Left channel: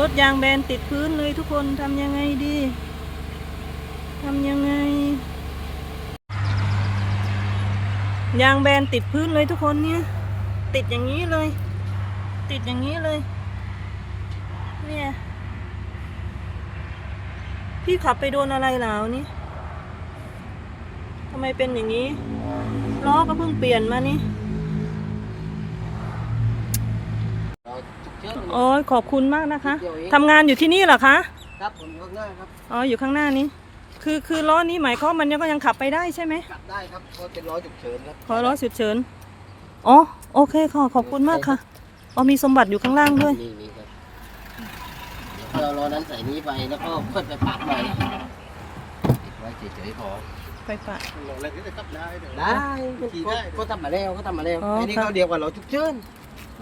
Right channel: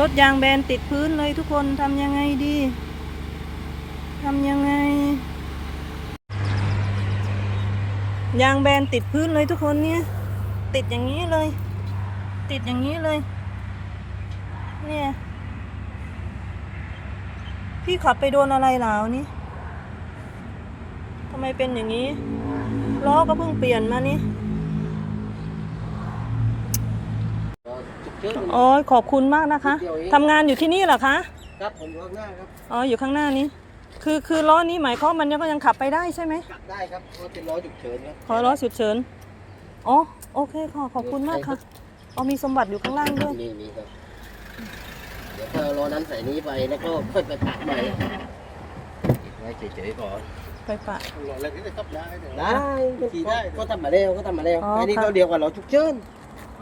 รถยางแบนติดพื้นเลยทุกคนทำยังไงดีทำยังไง ยางแบนติดพื้นเลยทุกคนเนี่ย ติดอย่างนี้เลย ติดอย่างนี้เลย เนี่ย พี่ขับไปโดนอะไรหลาวนี่ทำไมเป็นอย่างนี้ล้อก็เพิ่งเปลี่ยนมานี่ โอ้ยขอบคุณมากนะคะทำงานอยู่ที่นี่เหรอคะ ครับผมรอบหน้าครับอ๋อ อยู่ข้างหน้านี้ คือคือล้อนี้หมายความมันยังก็ยังขับไปได้ใช่ไหมกลับได้ครับเพราะเป็นล้อฉุกเฉินครับขอล้อฉุกเฉินอ๋อ โอเคค่ะ ขอบคุณมากค่ะ อ๋อ มีสมบัติอยู่ข้างล่างด้วย นี่นี่ครับเดี๋ยวค่อยเอาล้อนั้นใส่นี้ไปแล้วก็ค่อยไปปะใหม่ติดไว้เฉยๆก่อนไปปะได้ขี่ได้ก็ทำมาแล้วก็ทำมาแล้วอ๋ออันนี้ครับเขาเรียกว่าล้อฉุกเฉิน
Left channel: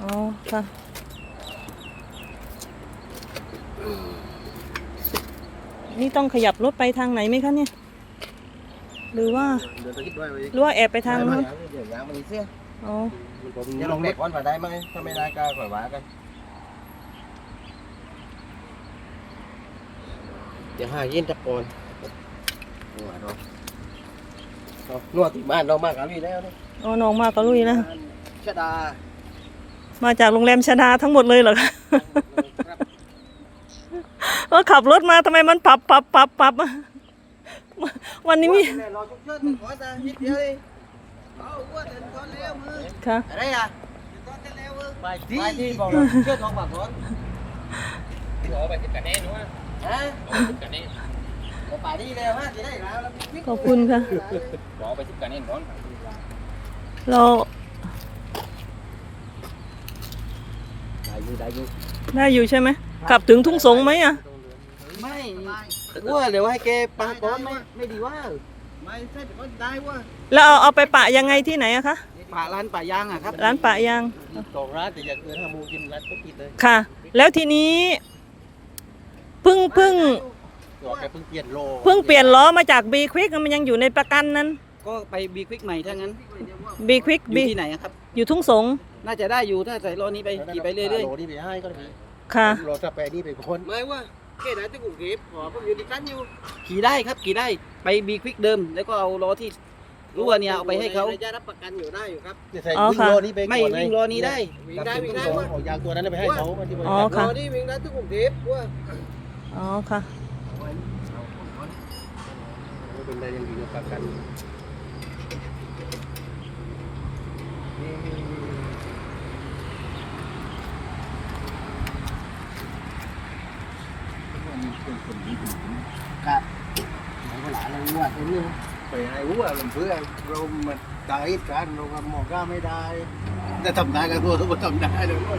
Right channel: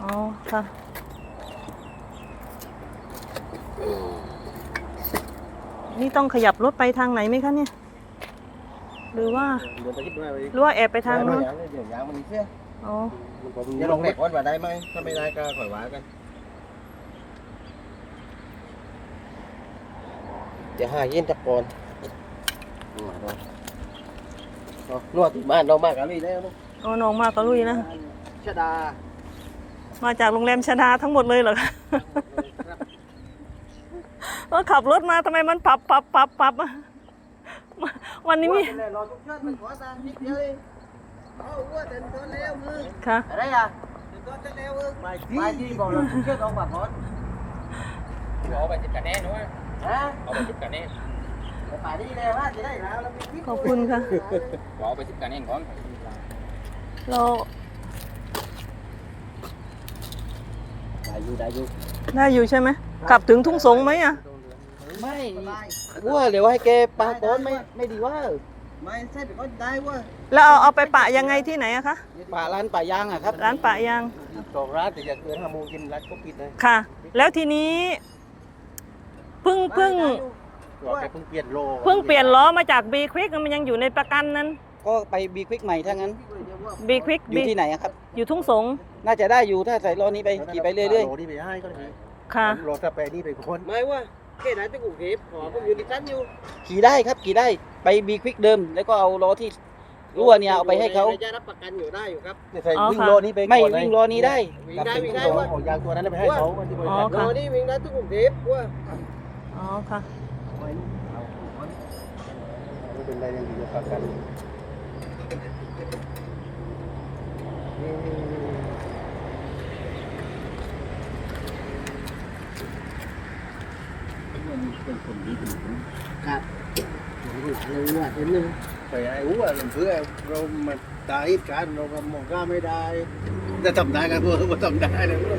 อ๋อ ค่ะ นี่ต้องขยับรถไปทางไหนไหมคะเนี่ย หรือว่าเดี๋ยวไปคิดด้วยไปหรือว่าแอบไปทางนู้นเดี๋ยวยางมันเสียอ๋อผมจะลงเด็กวันไปได้ไหมถ้าไม่ได้ก็ขอว่ากันเดี๋ยวหาเย็นตะโกนนวดเราเอานวดที่บ้านเรามากกันเลยแล้วนะอ๋อน้องมากก็ลุยนะชดา มาจากโรงแรมชดาทั้งหมดเลยเหรอคะครับ ว่าขับรถมาทำไมมันปับปับปับปับวันนี้มีรอชุกเชิญมันขอตานิดเดียวเองเอาว่าเดินตอนแล้วมือค่ะอะไรอะตอนแล้วมือไปที่ไปที่บอกเราชุกเชิญออกมาก่อนเอาไปติดกันแน่นวะฮะเอาไปติดกันแน่แต่ป่านี้แล้วฮะจะได้แล้วเราขอบคุณค่ะเอาไปติดกันแน่นก่อนเราได้อยู่ได้อยู่ได้อยู่ใช่ไหมกลับถึงทุ่งสงไหมอะ ไม่ว่าเดี๋ยวให้แกปาต้นไม่ไม่ดีว่าไม่ใช่แต่ก็ได้ว่าแล้วเอาเอาไปปะยังไงที่ไหนอะคะป่าร้านป่ายางอะครับร้านปะยางสองร้านแต่อยากเกินห้าโมงกินร้านก็กินเลยค่ะ แล้วทีนี้เพิ่งเพิ่งตัวแกเพิ่งเปลี่ยนโลเพิ่งเปลี่ยนล้อมาจากบีควิกมันยังอยู่ในประกันนั้น ก็ไปบีควิกใหม่ถ้างั้นบีควิกอยู่ที่ไหนอะครับ อยู่ทุ่งสง น่าจะได้อยู่ถ้าใส่ล้อนี้ไปขี่ไปเรื่อยโลนี่ไปให้ก็ได้ค่ะโลสเปรนี่ไปคนไม่ว่า แค่ไหนที่กูเก็บขอผมอยู่ที่ชั้นอยู่ๆขี่ได้ครับขี่ได้ไปบีควิกเดิม แล้วก็เอาล้อที่รั่วเนี่ยเอาไปให้เขาจะรับประกันอยู่ได้อยู่ครับใส่อ๋อวิ่งค่ะโลนี้ไปไม่วิ่งล้อนี้ได้วิ่งได้วิ่งได้เอาว่าของยางตัวนั้นไปให้เขาที่บริอ๋อษัทค่ะโลนี่วิ่งได้ที่กรุงเทพว่าอ๋อค่ะ เป็นอะไรยังอยู่ในประกัน ครับหลานเลยว่าเต็มเลยแต่ไอ้หัวมันเพื่อเรามันตายกันเราก็มองก้าไม่ได้แต่ทำได้กันตัวเราทำได้เลยว่า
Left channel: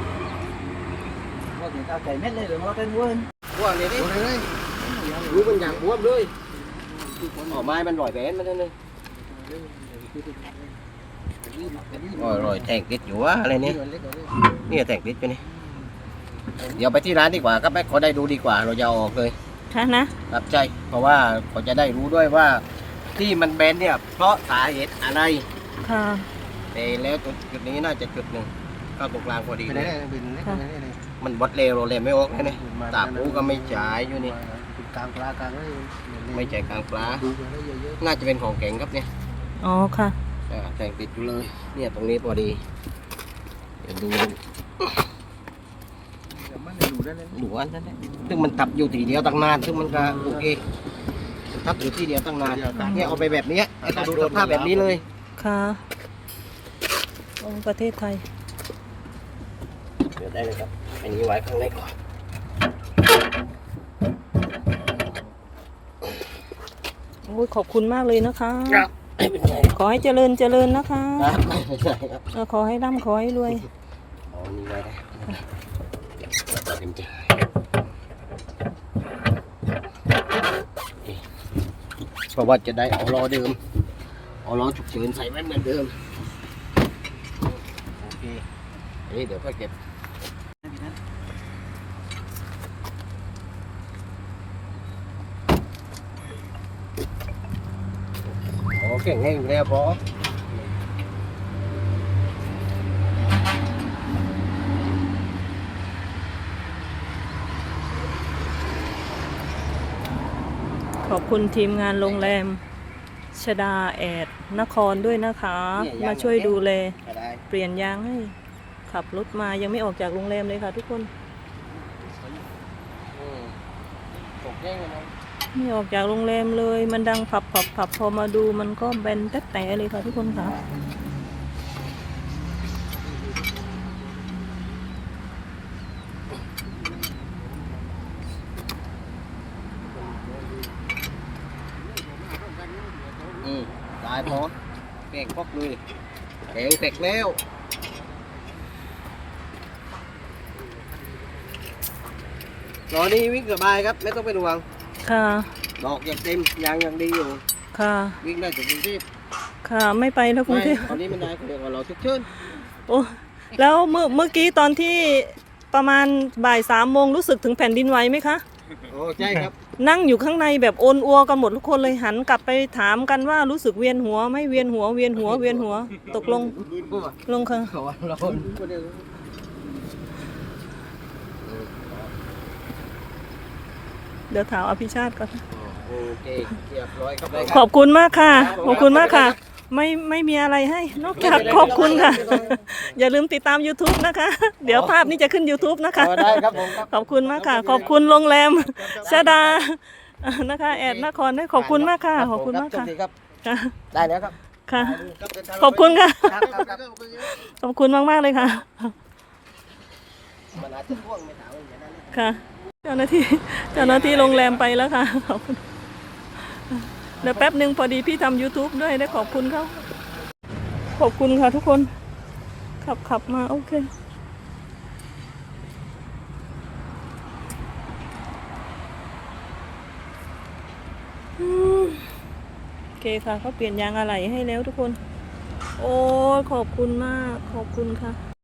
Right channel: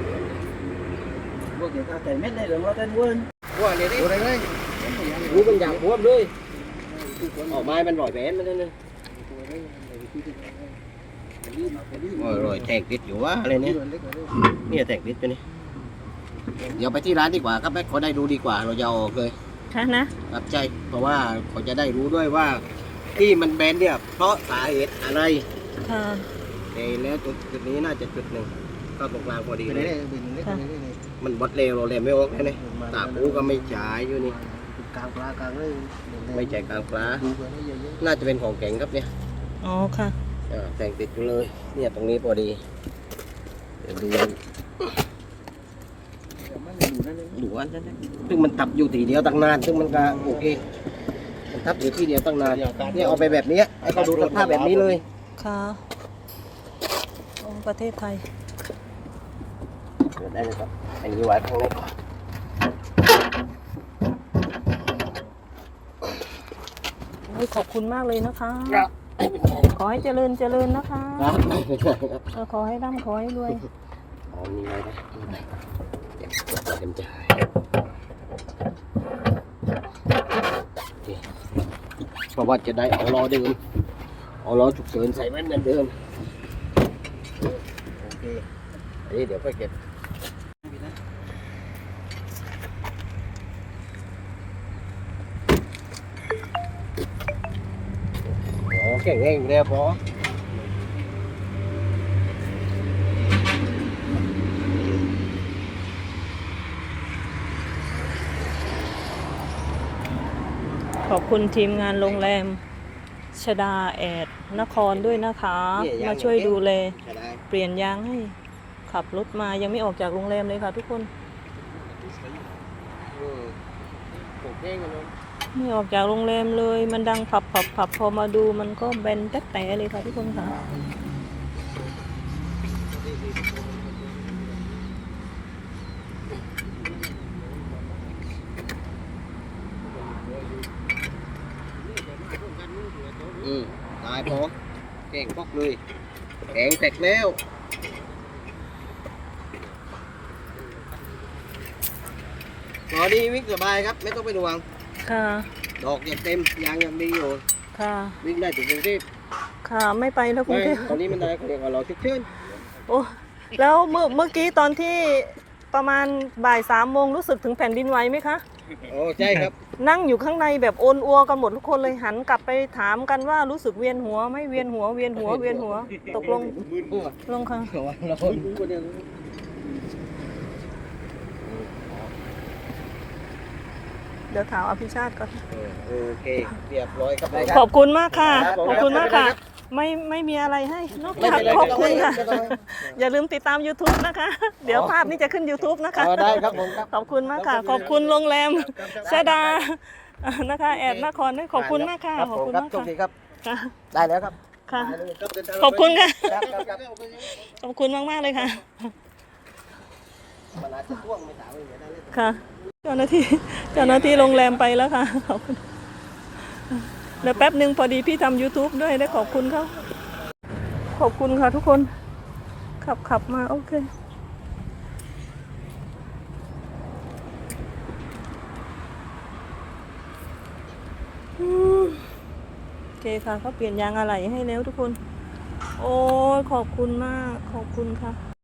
พวกเดี๋ยวเอาไก่เม็ดเลยเดี๋ยวเราเต้นเวิร์นว่าเนี่ยนี่รู้มันอย่างบวมเลยออกไม้มันหน่อยแบนมันนั่นเลยอร่อยแตกติดอยู่ว่าอะไรเนี่ยนี่แตกติดอยู่นี่เดี๋ยวไปที่ร้านดีกว่าครับแม่ขอได้ดูดีกว่าเราจะเอาออกเลย ค่ะนะ ครับใช่เพราะว่าเขาจะได้รู้ด้วยว่าที่มันแบนเนี่ยเพราะสาเหตุอะไร ค่ะ แต่แล้วจุดจุดนี้น่าจะจุดหนึ่งเข้าตรงกลางพอดีค่ะมันบดเร็วเราเลยไม่ออกแค่นี้ตากรู้ก็ไม่จ่ายอยู่นี่กลางปลากลางเลยไม่จ่ายกลางปลาดูกันได้เยอะน่าจะเป็นของแข็งครับเนี่ยอ๋อค่ะอ่าแต่งติดอยู่เลย เนี่ยตรงนี้พอดีเดี๋ยวดู ๆมันอยู่ได้เลยดูอันนั้นแหละซึ่งมันทับอยู่ทีเดียวตั้งนาน ซึ่งมันก็โอเคมันทับอยู่ที่เดียวตั้งนานเนี่ยเอาไปแบบเนี้ยให้เขาดูสภาพแบบนี้เลย ค่ะของประเทศไทย เดี๋ยวได้เลยครับ อันนี้ไว้ข้างในก่อนโอ้ยขอบคุณมากเลยนะคะไม่เป็นไรขอให้เจริญเจริญนะคะ ครับไม่เป็นไรครับเออขอให้ร่ำขอให้รวย เอาอันนี้ไว้ได้เดี๋ยวเต็มใจนี่เพราะว่าจะได้เอาล้อเดิมเอาล้อฉุกเฉินใส่แว่นเหมือนเดิมโอเคอันนี้เดี๋ยวก็เก็บอ๋อเก่งเองแล้วพอ อบคุณทีมงานโรงแรมชดาแอดนครด้วยนะคะ มาช่วยดูแลได้เปลี่ยนยางให้ ขับรถมายังไม่ออกจากโรงแรมเลยค่ะทุกคนอืมตกแห้งเลยไม่ออกจากโรงแรมเลย มันดังผับผับผับพอมาดูมันก็แบนแต๊ะแต่เลยค่ะทุกคนค่ะ อืมตายพอ แกงพอกเลยแข็งแตกแล้วตอนนี้วิ่งสบายครับไม่ต้องเป็นห่วง ค่ะ ดอกยังเต็มยางยังดีอยู่ ค่ะ วิ่งได้ถึงกรุงเทพค่ะ ไม่ไปแล้วกรุงไม่เทพตอนนี้มันได้เขาเรียกว่าเราชุกเชิญโอ้แล้วเมื่อเมื่อกี้ตอนที่ประมาณบ่ายสามโมงรู้สึกถึงแผ่นดินไหวไหมคะ โอ้ใช่ครับ นั่งอยู่ข้างในแบบโอนอัวกันหมดทุกคนเลยหันกลับไปถามกันว่ารู้สึกเวียนหัวไหม่เวียนหัวเวียนหัวเวียนหัว ตกลงลงค่ะเราเดี๋ยวถามอภิชาติก่อนโอเคเรียบร้อยครับได้ขอบคุณมากค่ะครับผมขอบคุณมากค่ะครับ ไม่ไม่มีอะไรให้นอกจากขอบคุณค่ะ อย่าลืมติดตาม YouTube นะคะ เดี๋ยวภาพนี้จะขึ้น YouTube นะคะอ๋อได้ครับผมครับขอบคุณมากค่ะ ขอบคุณโรงแรมชาดานะคะแอดนครด้วยขอบคุณมากค่ะขอบคุณมากโชคค่ะดีครับค่ะได้แล้วครับค่ะ ขอบคุณค่ะครับครับครับขอบคุณมากๆเลยค่ะมันอาจจะพ่วงไม่ถามอย่างนั้นค่ะ เจ้าหน้าที่เจ้าหน้าที่โรงแรมไปแล้วค่ะขอบคุณ เดี๋ยวแป๊บหนึ่งพอดีพี่ทำ YouTube ด้วยได้ขอบคุณเขาขอบคุณค่ะทุกคน ขับขับมา โอเค โอเคค่ะเขาเปลี่ยนยางอะไหล่ให้แล้วทุกคน โอ้ขอบคุณมาก ขอบคุณค่ะ